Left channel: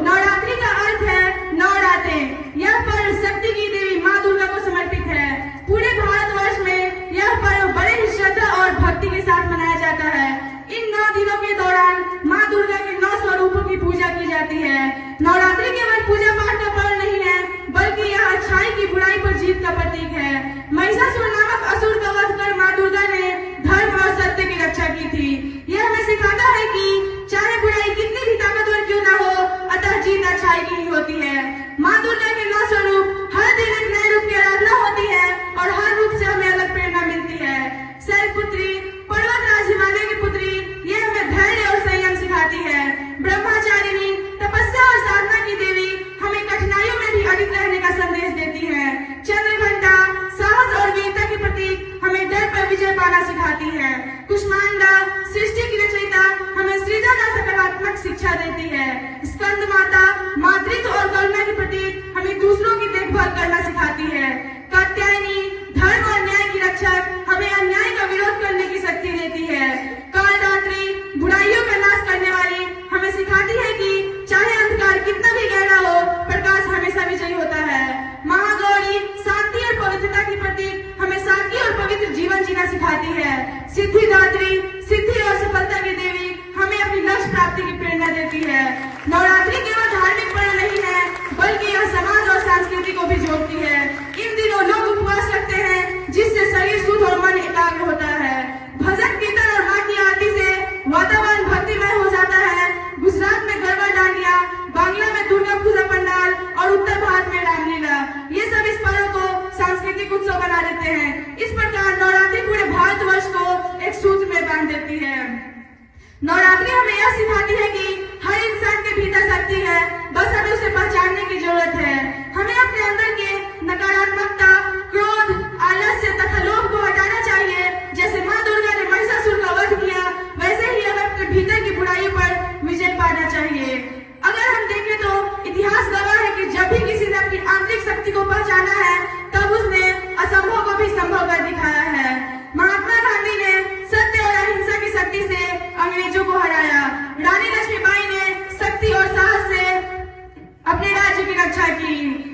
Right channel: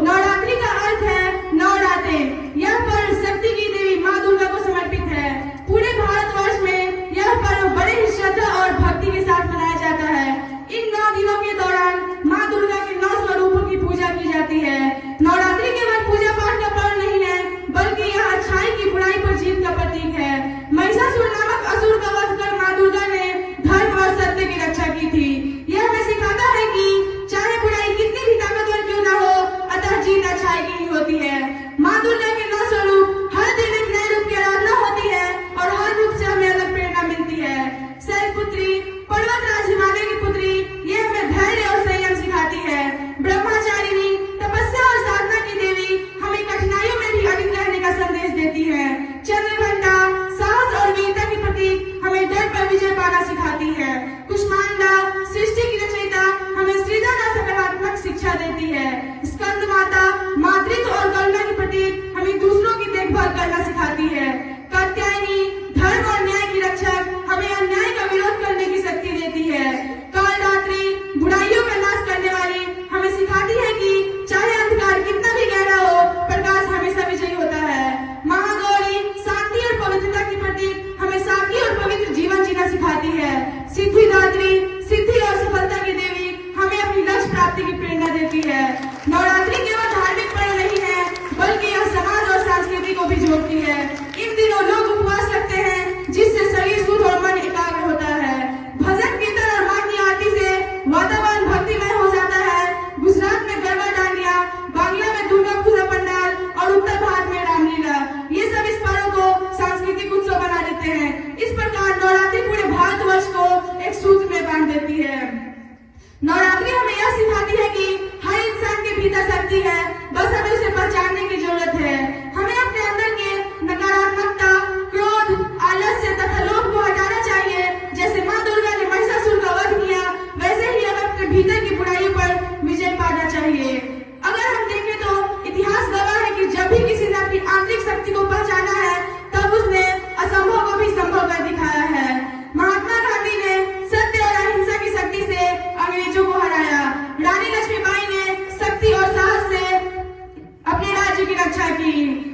नवरात्रि का अर्थ है नवरातें। यह पर्व शक्ति की देवी माँ दुर्गा को समर्पित है। पूरे भारतवर्ष में यह पर्व बड़े ही श्रद्धा और भक्ति के साथ मनाया जाता है। इन 9 दिनों के दौरान माँ दुर्गा के 9 स्वरूपों की पूजा की जाती है। नवरात्रि केवल पूजा पाठ का पर्व नहीं है, बल्कि यह अच्छाई की बुराई पर जीत का प्रतीक है। महिषासुर नामक असुर का वध कर माँ दुर्गा ने धर्म और सत्य की रक्षा की थी। यह हमें सिखाता है कि चाहे बुराई कितनी भी ताकतवर क्यों न हो, अतः जीत अच्छाई की ही होती है। माँ दुर्गा के 9 स्वरूप हर दिन एक नए रूप की आराधना होती है और हर रूप से हमें अलग प्रेरणा मिलती है। शैलपुत्री, पर्वतराज हिमालय की पुत्री, ये हमें धैर्य और संयम सिखाती है। ब्रह्मचारिणी, तपस्या और साधना की देवी, हमें कठिनाइयों में भी अडिग रहने का संदेश देती है। चंद्रघंटा, साहस और वीरता के प्रतीक, हमें डर पर विजय पाना सिखाती है। कुष्मांडा, सृष्टि की रचयिता, हमें सृजन और सकारात्मक शिक्षा देती है। स्कंद माता, मातृत्व और करुणा की प्रतीक, हमें दूसरों की देखभाल करना सिखाती है। कात्यायनी, धर्म और न्याय की रक्षक, हमें अन्याय का विरोध करने की शक्ति देती है। कालरात्रि, बुराइयों का नाश करने वाली, हमें सिखाती है कि चाहे अंधकार कितना भी गहरा हो, प्रकाश हमेशा विजयी होता है। महागौरी, शांति और पवित्रता की प्रतीक, हमें सात्विक और पवित्र जीवन जीना सिखाती है। सिद्धिदात्री, सिद्धि और सफलता की देवी, हमें अपनी लक्ष्य प्राप्ति की प्रेरणा देती है। नवरात्रि केवल धार्मिक पर्व नहीं है, बल्कि यह समाज और संस्कृति को भी जोड़ती है। इन दिनों लोग उपवास रखते हैं, जिससे शरीर शुद्ध और मन एकाग्र होता है। भजन कीर्तन और माँ की आरती से वातावरण भक्तिमय हो जाता है। गुजरात में गरबा डांडिया, बांग्ला में दुर्गा पूजा पंडाल और उत्तर भारत में रामलीला, ये सब इस पर्व को सांस्कृतिक उत्सव बना देते हैं। इस प्रकार नवरात्रि पूरे भारतवर्ष को एक सूत्र में बांध देती है। नवरात्रि हमें यह सिखाती है कि हर इंसान के भीतर शक्ति है, बस हमें उसे पहचानने की जरूरत है। हमें अपने अंदर के नकारात्मकता, क्रोध, आलस्य तथा लोभ को हटाना चाहिए। जैसे माँ दुर्गा ने महिषासुर का वध किया, वैसे ही हमें अपने भीतर की बुराइयों पर विजय पाना चाहिए। अगर हम देखें तो इतिहास गवाह है कि जब भी किसी ने अपनी आंतरिक शक्ति को पहचाना है, तब उसने असंभव को भी संभव कर दिखाया है। महात्मा गांधी ने सत्य और अहिंसा की शक्ति से अंग्रेजों को हराया। रानी लक्ष्मीबाई ने शक्ति और साहस से अपने राज्य की रक्षा की।